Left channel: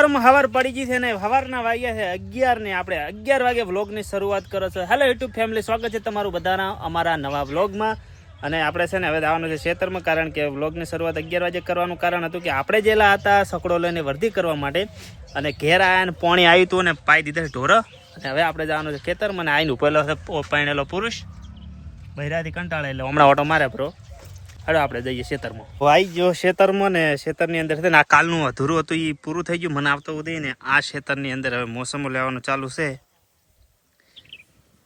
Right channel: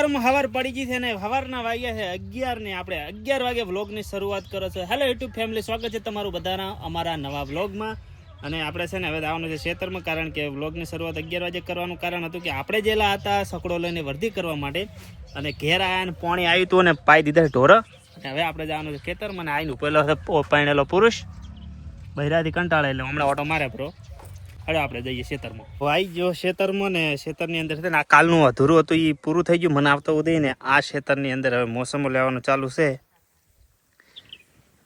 હવાર પડી ગઈ છે ને સવારના વાગ્યા છે 11 ને આપણે 11 વાગે વ્લોગની શરૂઆત કરો છો. હેલો યુટ્યુબ ફેમિલી, સ્વાગત છે તમારું બધાના અમારા નવા વ્લોગમાં. અને આપણે છે ને હવે આવવાનું છે ખેતરમાં, કારણ કે વ્લોગની શરૂઆત 11 વાગે કરવાનું કારણ હતું કે આપણે જેલા હતા સકડો લઈને વર્ધી કરવા માટે, અને ઘેર આવ્યા ને પોણી આવ્યું હતું અને પાઈ દીધા ઢોર. અને હવે આપણે જવાનું છે ખેતરમાં. અને આવીને ઉપેલો પાણેલો પુરુષ બૈરાથી કંટાળે એટલે હમણાં ઓટો મારે પ્રો. હવે આપણે જઈએ ખેતરમાં. આવી ગયો ખેતરમાં ને ખેતરની અંદર છે ને આ કાલનું અધૂરું હતું એ પૂરું થઈ ગયું. મને આવતો ઉદય ને આ ખેતરની અંદર હવે મોસમો લેવાનું ચાલુ છે.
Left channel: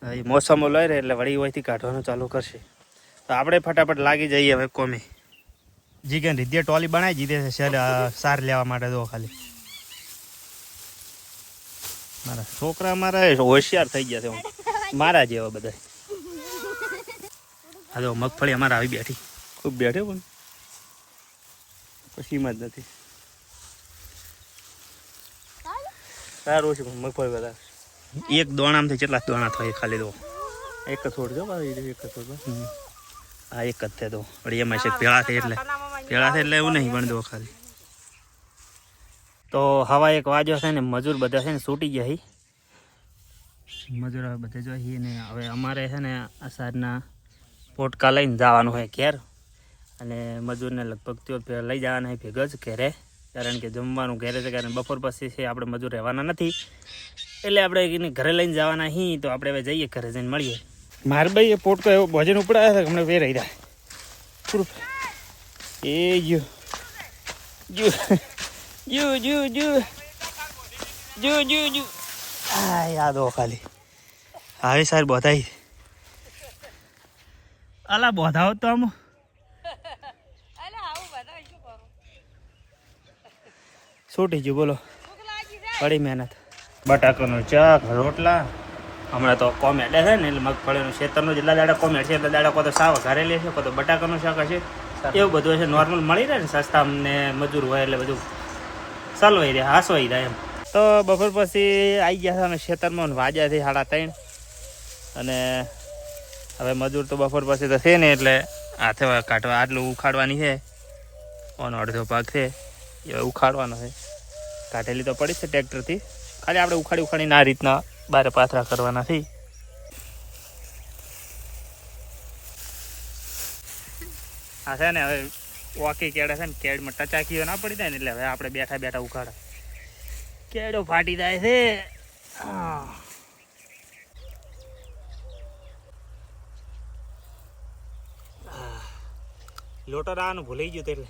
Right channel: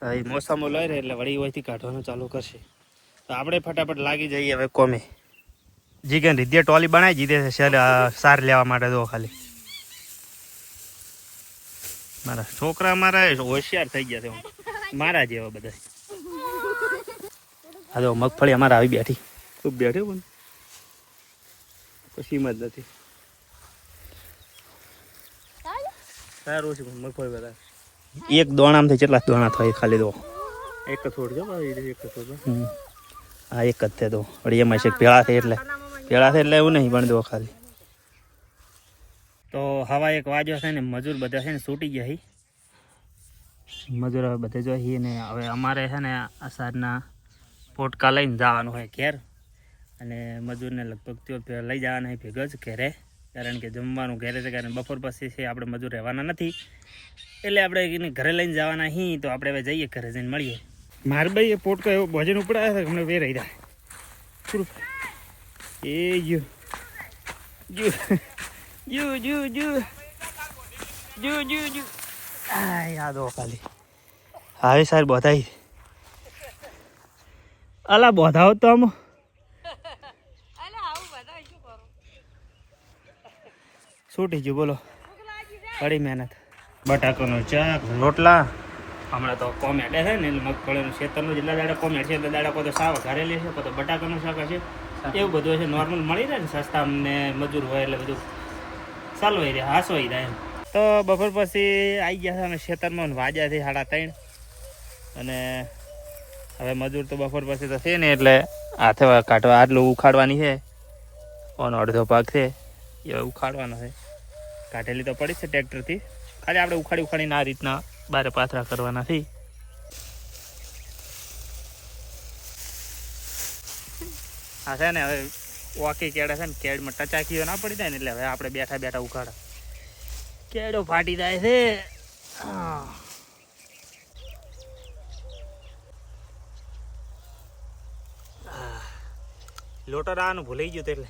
એ મોસમો લઈ રહે એટલે વળી હોયથી કાઢવાનું ચાલુ કરશે. તો આપણે ફટાફટ લાગી જઈએ હવે કોમે. જીગન રીધે ટોલી બનાવી દીધી છે સાર લેવા માટે. જો ખાલી મારા છોકરા મારા હોશિયાર થઈ ગયા છે મારા જેવા બધા. હા તો મગફળી અમારે આવી બેઠી, ખૂબ બેઠી પણ પછી જ નથી. સારું છે મગફળી બધા. એક દોણામાંથી કેટલા દોણા થાય ખાલી દો. એક તો છોડ દો, એક તો છોડ. હા એક જ છે તો વળી એમાં છે પેળા છે એટલે એવું નહીં પણ દો ખાલી. તો હવા 1 વાગ્યો છે ને મજૂર બધા છે ને છૂટી ગયા છે. મજૂર હવે બધે જોઈએ ને હવે અમારે છે ને આસારના પોટકા લઈને જવાનું હોય ઘેર. અને મજૂરને લગભગ તો લઈ જવાના હોય ભેગો જ ઘેરે, કારણ કે જમવાનું ઘેરે છે. કારણ બપોર પછી છે આપણે મજૂર રહેવાના નથી, એટલે આપણે ઘરે લઈને જવાના હી. તો આપણે હવે જઈએ ઘરે જઈને મળીએ. મારે ભાઈ એ પોટકો એવો ભોજન ઉપડાયા છે હમણાં વેરાઈ રહ્યા એ જુ જુ જુ જુ જુ જુ જુ જુ આ યાદો ખાલી હવે સાહેબ બોધાઈ અલા બોધાવો તો આમ છૂટી ગયું. બોલો કડી મહેનત. બટાકાનું ચાક રોટલા. હમણાં તો કોમેડ છે ને એટલે મગફળીનું ખેતરનું જેટલા દાડા કોમેડ છે એટલા દાડા કોઈ તો સાવ ઘરેલી છે, કોઈ તો બટાકાનું શાક હશે. એવું બધું છે નોર્મલ મળી રહે ને સસ્તા. અમને મજૂર હોય એટલે બધું ચાલવાઈ રહે, હાસવાઈ જાય એમ. તો બપોર પછી આવી ગયા છે અમે ખેતરમાં. વાગ્યા છે 3:30. અને હવે મજૂર તો બપોર પછી તો છે ને એટલે હાથે કાઢવા આટલું ઉખાડવાની છે. ઓનો અડધો ભાગ છે એ ઉખાડવાનો છે. કાઢેલી તો પડી છે ટ્રેક્ટરથી, ખાલી આપણે ઉખાડીને આ રીતના બારે પાથરા કરવાના છે. આ છે ને હવે વાકી કેળે છે ને કેળમાં ટચાકીઓ ના પડી જાય ને એટલે હવે આપણે બેઠા બેઠા ઉખાડા. કેળો ફાટી જાય છે. લોટર આવવાનું ભૂલાઈ ગયું એટલે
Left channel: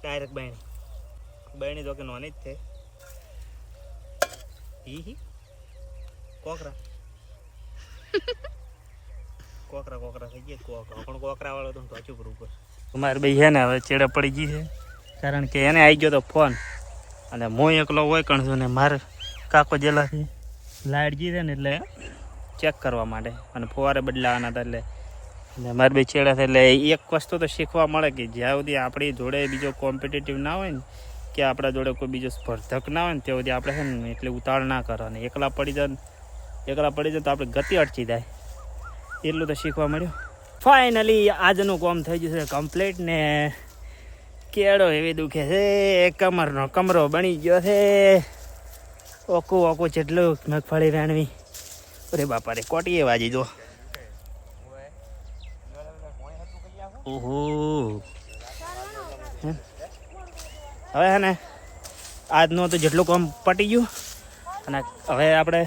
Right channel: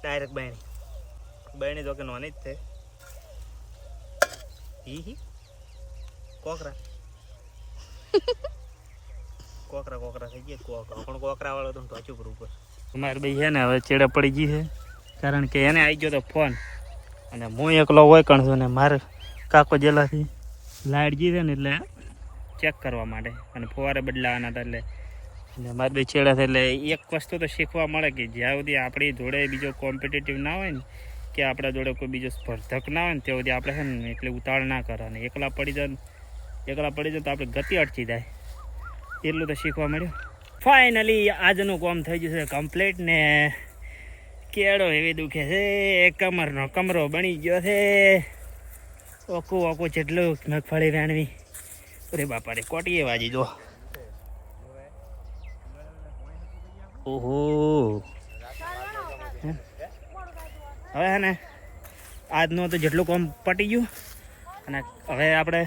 ડાયરેક્ટ બહેણી તો કે નોની જ છે. હી કોકરા થઈ ગયા. પણ કોકરા વાળો તો ટોચું પર ઉપર. અમારે ભાઈ છે ને હવે ચેડે પડી ગઈ છે, કારણ કે એને આવી ગયો તો ફોન. અને હું એકલો હોય કણ છું ને મારે કાકો જેલાથી લાઇટ ગઈ છે ને એટલે ચેક કરવા માટે અને ફુવારે બદલાવાના હતા. એટલે મારે ભાઈ ચેડે છે એટલે એક વસ્તુ તો શીખવા મળે કે જ્યાં સુધી આપણી જોડે બીજો કોમ્પિટિટિવ ના હોય ને, કે આપણા જોડે કોઈ બીજો સ્પર્ધક ના હોય ને ત્યાં સુધી આપણે છે ને એટલે ઉતાળ ના કરવાની. એકલા પડી જાય તો આપણે ગતિ અટકી જાય. એટલું તો શીખવા મળ્યું. ફાઇનલી આજનું કામ થઈ ગયું છે કમ્પ્લીટ. ને કેળો એવી દુખે છે, કમરનો કમરો બની ગયો છે. ઓકું જેટલું મગફળી રાણવી. અરે બાપા રે કોટીએ વાજી જો. ઓહો હવે હે ને આજનું તો જેટલું કામ પટી ગયું. અને હવે આપણે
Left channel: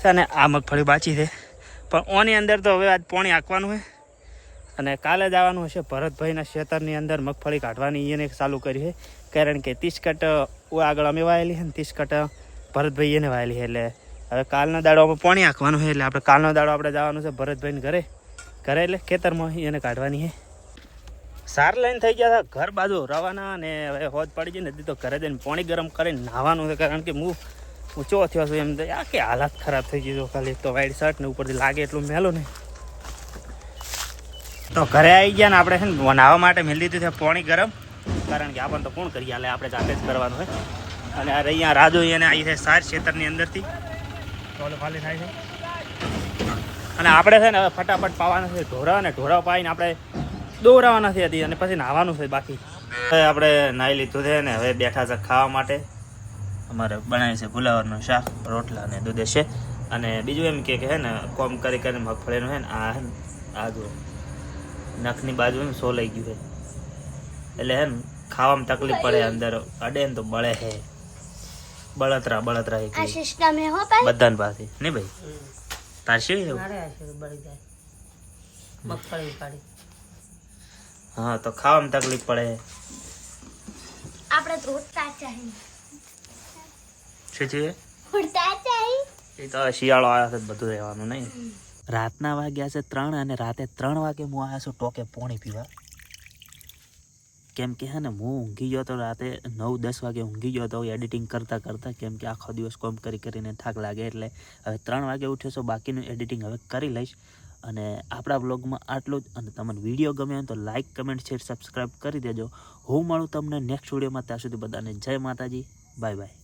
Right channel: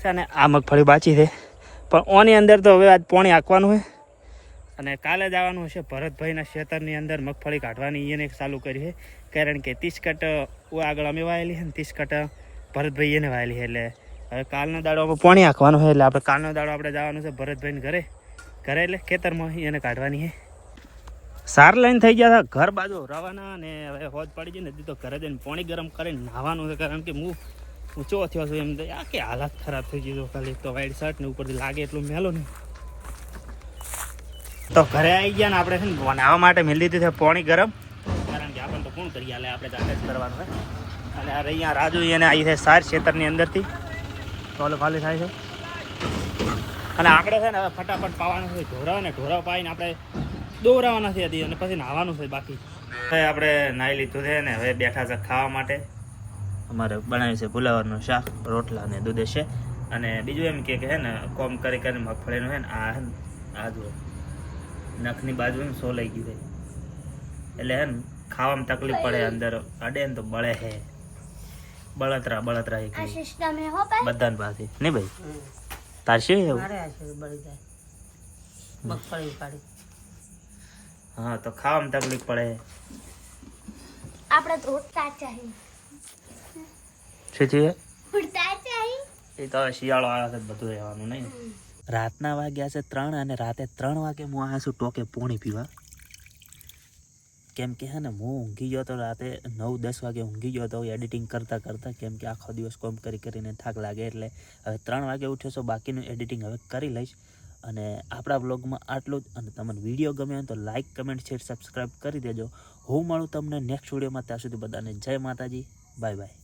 છે ને આ મગફળી બાચી છે, પણ ઓની અંદર તો હવે આજ પોણી આંકવાનું હોય. અને કાલે જ આવવાનું હશે ભરતભાઈના ખેતરની અંદર મગફળી કાઢવાની. એને ચાલુ કરી છે, કારણ કે 30 કટ આગળ અમે વાયેલી છે ને 30 કટ ભરતભાઈ એને વાયેલી છે. એટલે હવે કાલનો દાડો આપણે પોણી આંકવાનું હોય. એટલે આપણે કાલનો દાડો આપણે જવાનું છે ભરતભાઈને ઘરે એટલે ખેતરમાં એને કાઢવાની છે. સાર લઈને થઈ ગયા હતા ઘર બાજુ રવાના. અને હવે હોજ પડી ગઈ નથી તો ઘરે જઈને પાણી ગરમ કરીને નાહવાનું છે, કારણ કે હું ઊંચો થયો છું એમ. આ કે હાલત ખરાબ થઈ ગઈ. ખાલી તો વાઈટ શર્ટ ને ઉપરથી લાગે એટલું મેલું નહીં. તો ઘરે આવી ગયા ને આપણે છે ને નાહવા માટે મેલી દીધી છે પાણી ગરમ, કારણ કે આપણને તો કોણ કરી હાલે, આપણે જાતે જ કરવાનું હોય. અને અહીંયા રાજુ એને આવી છે સાર ખેતરની અંદરથી ટોલો ખાલી થાય છે. અને આપણે છે ને હવે ફટાફટ પાવાના છે ઢોરા, અને ઢોરા પાવીને આપણે દોરાવાના છે હજી, અને પછી નાહવાનું છે બાકી. હવે આપણે નાહી લીધું છે ને હવે બેઠા છે ખાવા માટે. અમારે બનાવ્યું છે ફુલાવરનું શાક, રોટલા અને દૂધ છે. અને બીજું એમ કે હે ને કોમ કરી કરીને મગફળીનું હે ને આ જો નખની બાજુ ને સોલાઈ ગયું છે, એટલે હે ને ખાવામાં તકલીફ પડે, અંદર અડે ને તો બળે છે, બળતરા બધાને પાસે નહીં ભાઈ. તાર શું મગફળી ઉપાડી? હા તો ખાવામાં તકલીફ પડે. આપણે તો ઉઠતા ચાહી. શું થયું? ઉઠતા ચાહી. એ તો હવે શિયાળો આવ્યો છે, બધું રહેવાનું નહીં. રાતના વાગ્યા છે 3 અને રાતે 3 વાગે હું આવ્યા છું ટોકે પોણી પીવા. કેમ કે હે ને હું ઊંઘી ગયો તો રાતે 9-10 વાગે ઊંઘી ગયો તો એડિટિંગ કરતાં, કેમ કે આખો દિવસ કોમ કરીને થાક લાગે, એટલે હવે 3 વાગે ઉઠ્યો છો. બાકીનું એડિટિંગ હવે કરી લઈશ. અને આપણા બ્લોગમાં આટલું જ. અને તમને વિડીયો ગમે હોય તો લાઇક, કમેન્ટ, શેર, સબસ્ક્રાઈબ કરી દેજો. હું મળું તમને નેક્સ્ટ વિડીયોમાં. ત્યાં સુધી બધાને જય માતાજી, બાય બાય.